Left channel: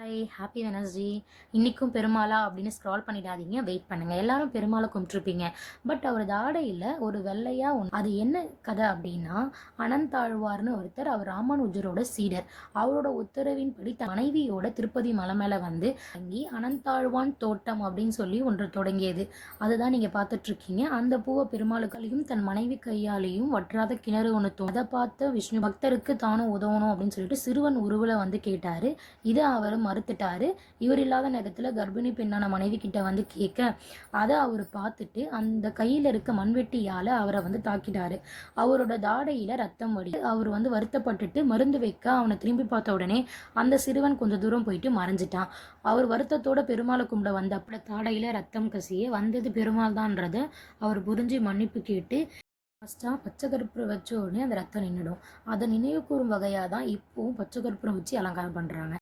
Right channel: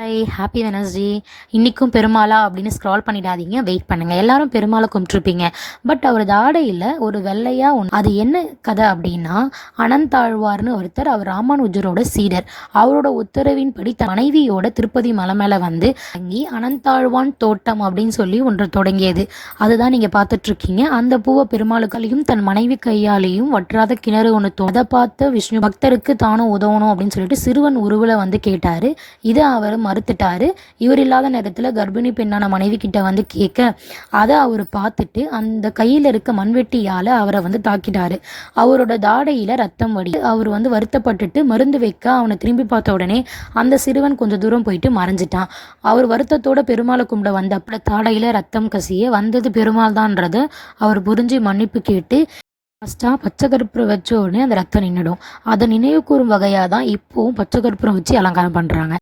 Hi happy Wednesday. இன்றைக்கும் பெருமாளா அப்படின்னு scroll பண்ணிடாதீங்க, வெயிட் பண்ணுங்கள். எல்லாரும் பெருமாளை கும்பிட்ருப்பீங்க. பட் அவரது ஆடையில் ஒரு வெள்ளையாக ஒன்று, அது என்ன கதை அப்படின்னா, அனந்தாழ்வார்னு ஒருத்தர், அவர் ராமானுஜரோட சீடர். அவரோட உத்தரவின்படி தன் மனைவியோட திருப்பதி மலை மேலே வந்து தங்கி அனந்தாழ்வான் தோட்டம் அப்படின்னு சொல்லி ஒன்று தொடங்கியது. அதுதான் நீங்கள் பார்த்துட்ருக்கீங்க. அந்த பூவை பெருமாளுக்காலையும் தன் மனைவி கையாலேயும் வற்றாத கிணறு ஒன்று அதை பார்த்து விஷ்ணு பக்தருக்கு தானும் உதவணும் அப்படின்னு சொல்லிட்டு சிறுவன் உருவில் வந்து கேட்டார். இதை அவர் மறுத்துட்டாரு. இவர் இல்லாத நேரத்தில் கர்ப்பிணி பெண்ணான மனைவி கிட்ட வந்து கேட்க, அதை அவர் பார்த்துட்டு அந்த கையில் இருக்க மண்வெட்டியால் அவரை வந்து தாக்கிட்டாரு. அவரோட தாடையில் ரத்தம் வடி. அவர் வந்து வருத்தப்பட்டுட்டு மருந்து வைக்க அவனை திரும்பி பார்த்த உடனே அந்த சிறுவன் கொஞ்சம் தூரம் போயிட்டு மறைஞ்சிட்டான். அவர் வருத்தத்தோட பெருமாளை கும்பிட வந்த அப்படி தாடையில் ரத்தம் கசிய வந்தது பெருமாள் தான்றத அவர் புரிஞ்சு மன்னிப்பு கேட்டு ஃபஸ்ட்டாக பச்சை கற்பூரம் வச்ச உடனே அந்த ரத்தம் நின்றுடும். அதை நினைவு கூறும் வகையாக தான் இப்போவும் பச்சை கற்பூரம் வச்சு அலங்காரம் பண்ணுறாங்க.